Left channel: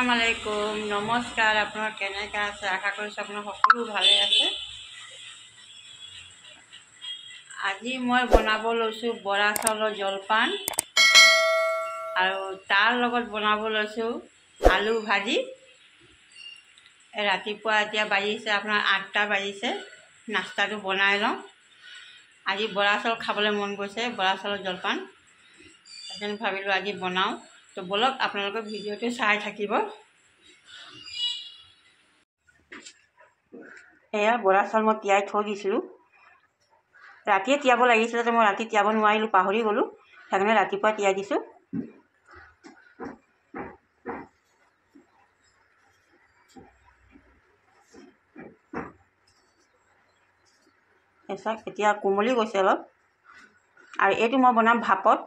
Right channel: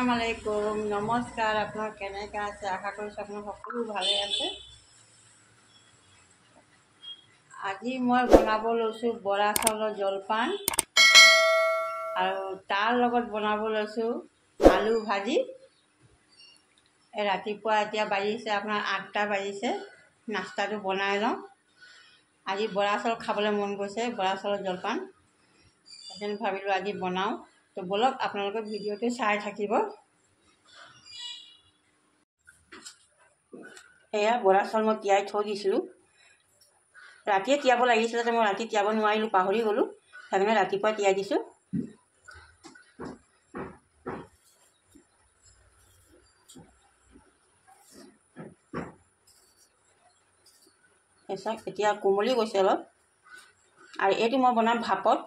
আসসালামু আলাইকুম নমস্কাৰ আপোনাৰ কেনেকৈ আছে আশা কৰিছোঁ আপোনাৰ সকলো ভালে আছে। আজি মই বনাব লৈছোঁ বৰা চাউলৰ জলপান আৰু তাৰ লগত বনাব লৈছোঁ আলু ভাজি। ৰাতিপুৱা এতিয়া বাজিছে আপোনাৰ 8টা বাজিছে, নাস্তাটো বনাই লওঁ। আজি বৰা চাউল খাবলৈ মন গৈছে, বৰা চাউলৰ জলপান সেইকাৰণে ভাবিলোঁ আজি বনাওঁ। তো বলক আপোনালোকে ভিডিঅ'টো চাই থাকিব। এয়া বৰা চাউল মই তিয়াই থৈ দিছিলোঁ, ৰাতিয়ে তিয়াব লাগিছিলে যে মই ৰাতি তিয়াব নোৱাৰিলোঁ, পাহৰি গ'লোঁ, সেইকাৰণে ৰাতিপুৱা তিয়াই দিছোঁ। চাওক এতিয়া কোমলি গৈছে অলপ, আৰু এইটো মই বনাম ভাপত।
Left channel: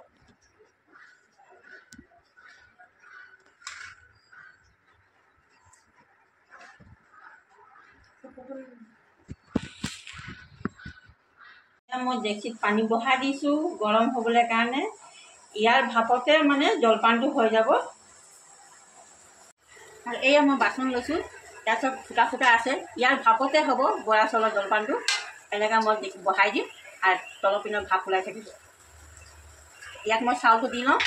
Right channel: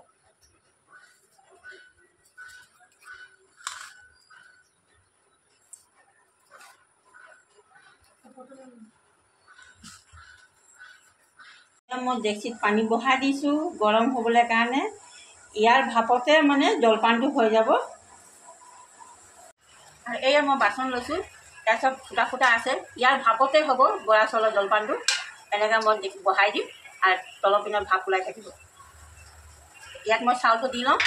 মই ডেক্সিত পানী বহাই দিছোঁ গৰম হ'বলৈ কাৰণে। ইয়াৰ ভাপতে মানে জলপানটো হৈ যাব। আৰু এয়া মই বাচন লৈছোঁ, তাৰপিছত ফুটা ফুটা আছে, ইয়াৰ ভাপতে হ'ব বৰা চাউলৰ জলপানটো। এনেকৈ মই বহাই দিম আৰু তলৰ পিনত ভাপ ওলাই থাকিব। ইয়াত মই চাউলটো দি লওঁ।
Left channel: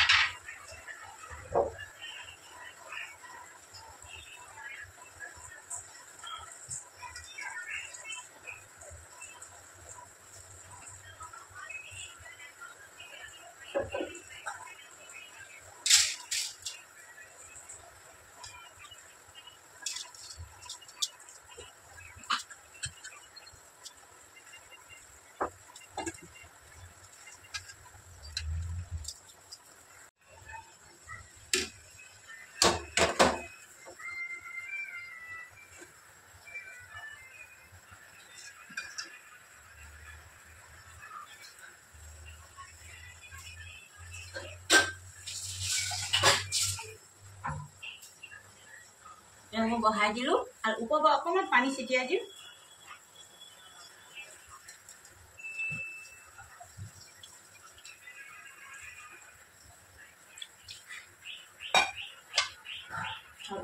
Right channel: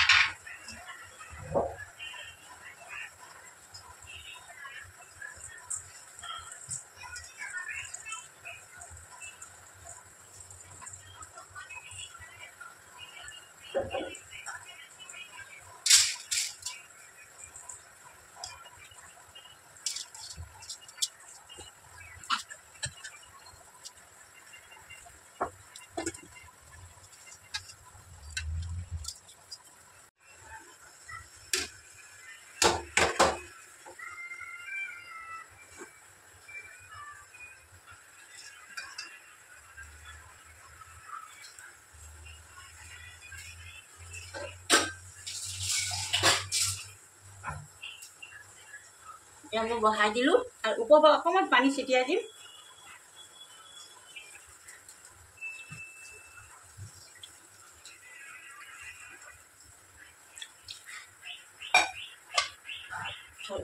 এতিয়া মই বহাই দিলোঁ আৰু ওপৰৰ পৰা অকণমান পানী ছটিয়াই দিম।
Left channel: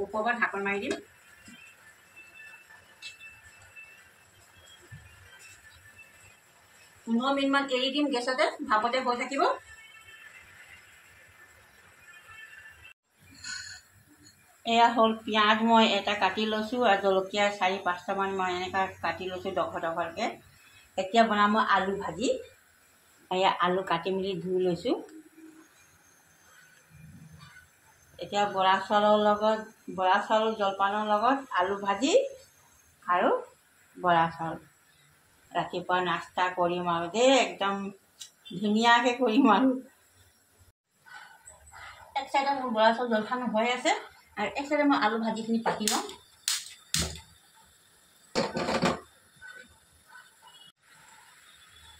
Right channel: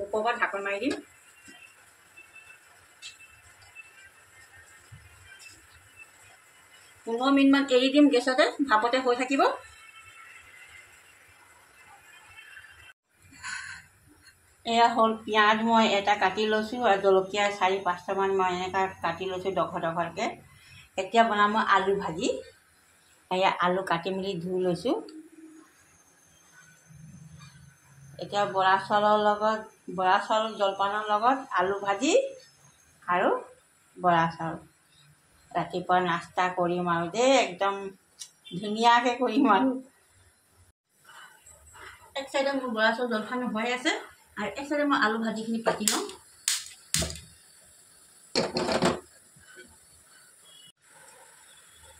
ওপৰৰ পৰা ঢাকন মাৰি দিম। 15 মিনিটমান এৰি দিম গেছতে, ভাপতে হৈ থাকিব। এয়া হ'ল পিঁয়াজ মই এটা কাটি লৈছোঁ আৰু জলকীয়া 4-5টামান মই এনেকৈ কাটি লৈছোঁ ডখৰ ডখৰকৈ। এতিয়া বনাম মই আলু ভাজি। এয়া আলু কাটি মেলি ধুই লৈছোঁ। এতিয়া বৰা চাউল জলপানৰ লগত আলু ভাজি আৰু বৰা চাউল ৰাতিপুৱা নাস্তা কৰিম আৰু দেই, একদম ধুনীয়াকৈ কৰিম আৰু। এক চাইডত মোৰ বৰা চাউল জলপান হৈ আছে আৰু এক চাইডে মই আলু ভাজিখিনি পাতি লওঁ।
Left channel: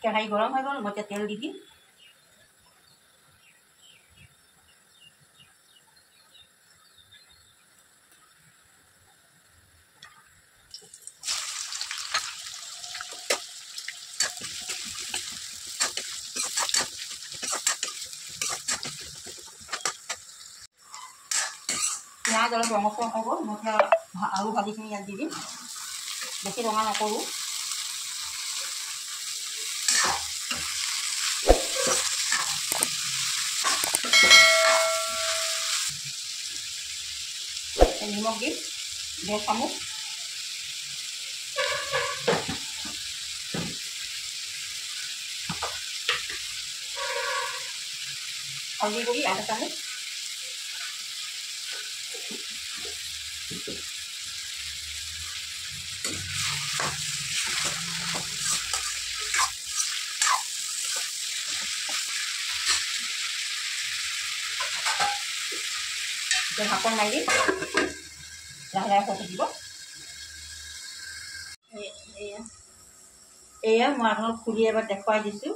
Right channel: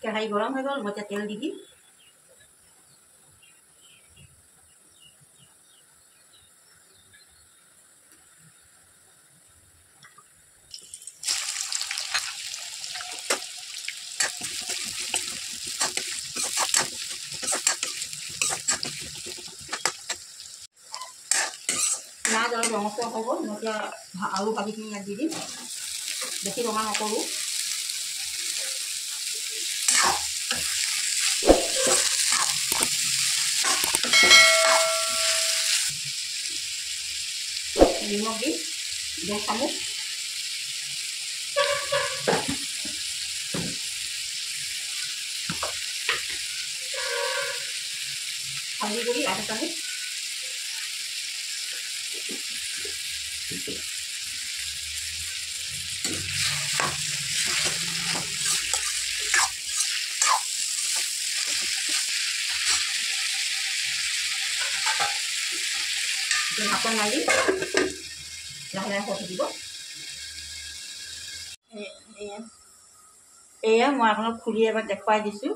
কেৰাহী গৰম হৈ গ'ল, মই এতিয়া তেল দি দিম। পিঁয়াজ অলপ ৰঙচুৱা হ'ব, মই এতিয়া আলু ভাজিখিনি ইয়াত দি দিম। বেছি ৰঙা নকৰোঁ। নিমখ দিম 2 চামুচ। হালধি গুড়ি 1 চামুচ। ঢাকন মাৰি লাহে লাহে হৈ থাকিব। এয়া মই আপোনাক খুলি এবাৰ দেখুৱাই দিছোঁ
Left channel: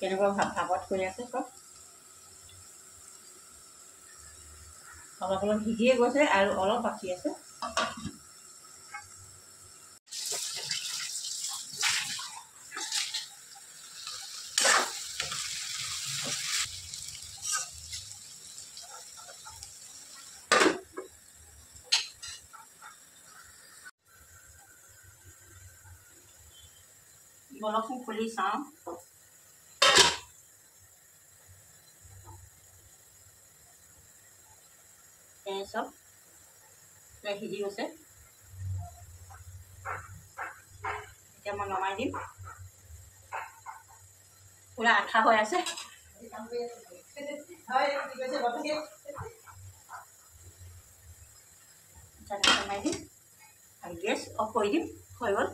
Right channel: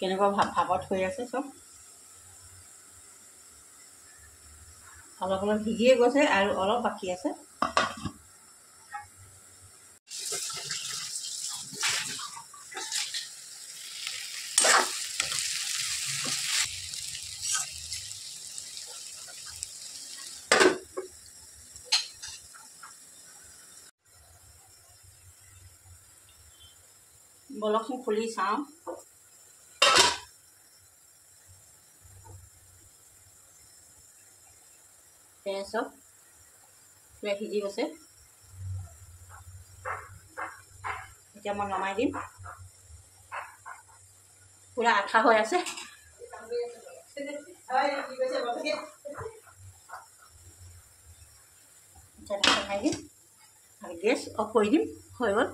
কেনেকুৱা ভাপত হৈ আছে। চব অলপ অলপ ভিজিয়ে গৈছে আৰু অলপ বাকী আছে। বলকচোন খুলি চাওঁ। চব সিজি গৈছে। এতিয়া মই নমাই দিম। পুৰা আঠা হৈ আছে। নমাই দিম আৰু গেছ অফ কৰি দিম। হৈ গ'ল।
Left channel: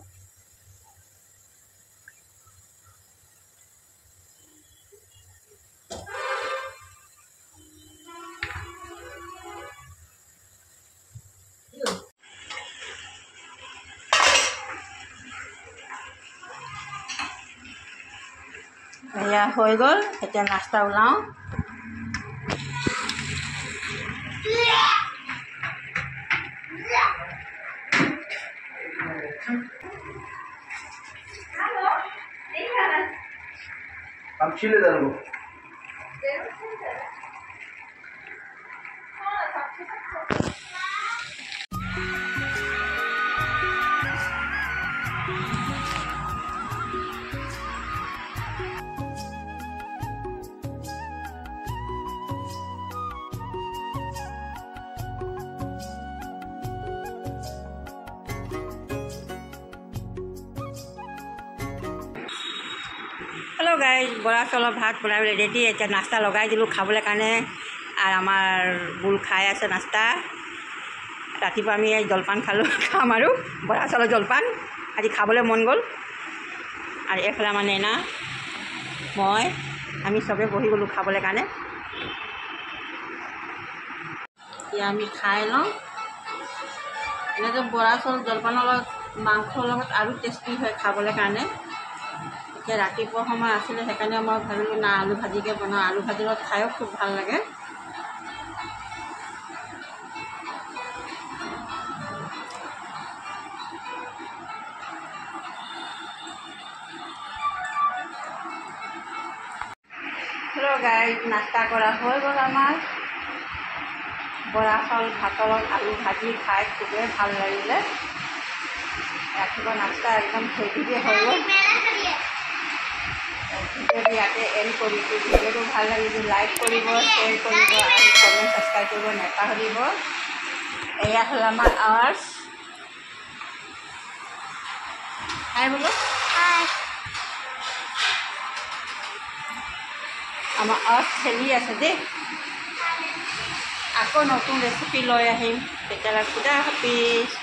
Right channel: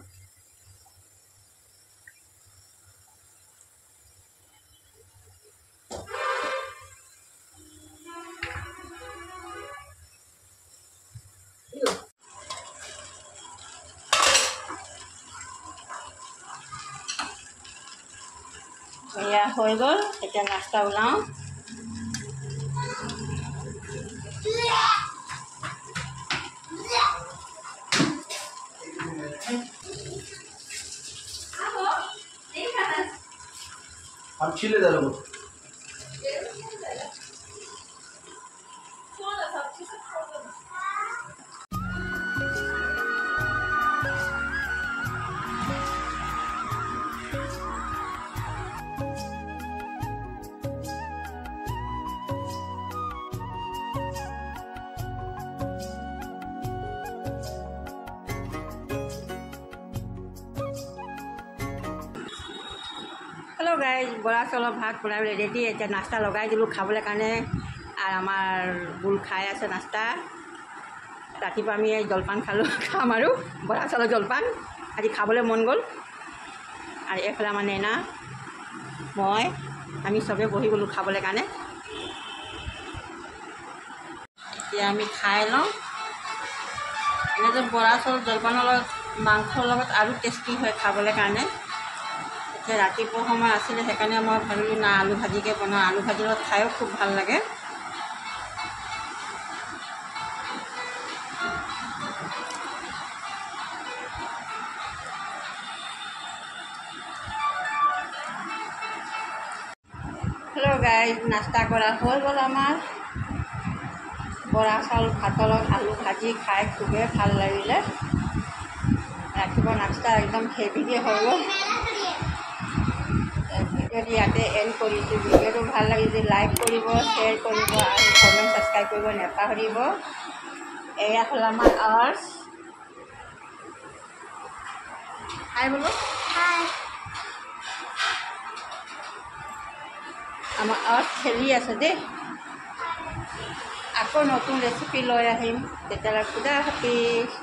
এয়া হৈ গ'ল। এতিয়া নাস্তা ওলাওঁ। हम छिले जाबो। হেল্ল' গাইজ, বৰা চাউলৰ ভাত বনাই ৰেডি। এতিয়া নাস্তা লগাই দিলোঁ খাবলৈ কাৰণে। আৰু আমাৰ বুল খাই আছে নাস্তা। ৰাতিপুৱা আমি জলপান খালোঁ, খাম আৰু বৰা চাউলৰ জলপান। আজি খাবলৈ মন গ'ল। আৰু এইফালে আমাৰ নেনা, মই, আমি চবেই বহি গ'লোঁ খাবলৈ কাৰণে। এতিয়া আমি খাই লওঁ। এনেকৈ বৰা চাউল জলপানৰ লগত মাংসৰ লগত আৰু টেষ্টি হয় খাবলৈ কাৰণে। এতিয়া ৰাতিপুৱা সময় আছিলে, সেইকাৰণে মই ভাবিলোঁ না আলু ভাজিকে বনাওঁ। আলু ভাজিৰ লগত খায়ো খুব ভাল লাগে। হেল্ল' গাইজ, নাস্তা কৰা হৈ গ'ল আমাৰ। বৰা চাউল ভাতৰ লগত আলু ভাজি খাই খুবেই ভাল লাগিলে। ৰাতিপুৱা নাস্তা একদম হেভিকে হৈ গ'ল। ভিডিঅ'টো ইয়াতে এণ্ড কৰিছোঁ। ভিডিঅ'টো ভাল লাগিলে লাইক কৰিব, শ্বেয়াৰ কৰিব আৰু কমেণ্ট ছাবস্ক্ৰাইব কৰিব নাপাহৰিব। এয়া হ'ল আমাৰ আৱাজ। হাই বোলো। হাই। আমাৰ আৱাজ খেলি আছে দেই। আকৌ নতুন ৰেচিপি লৈ আহিম। তেতিয়ালৈ খুদা হাফিজ।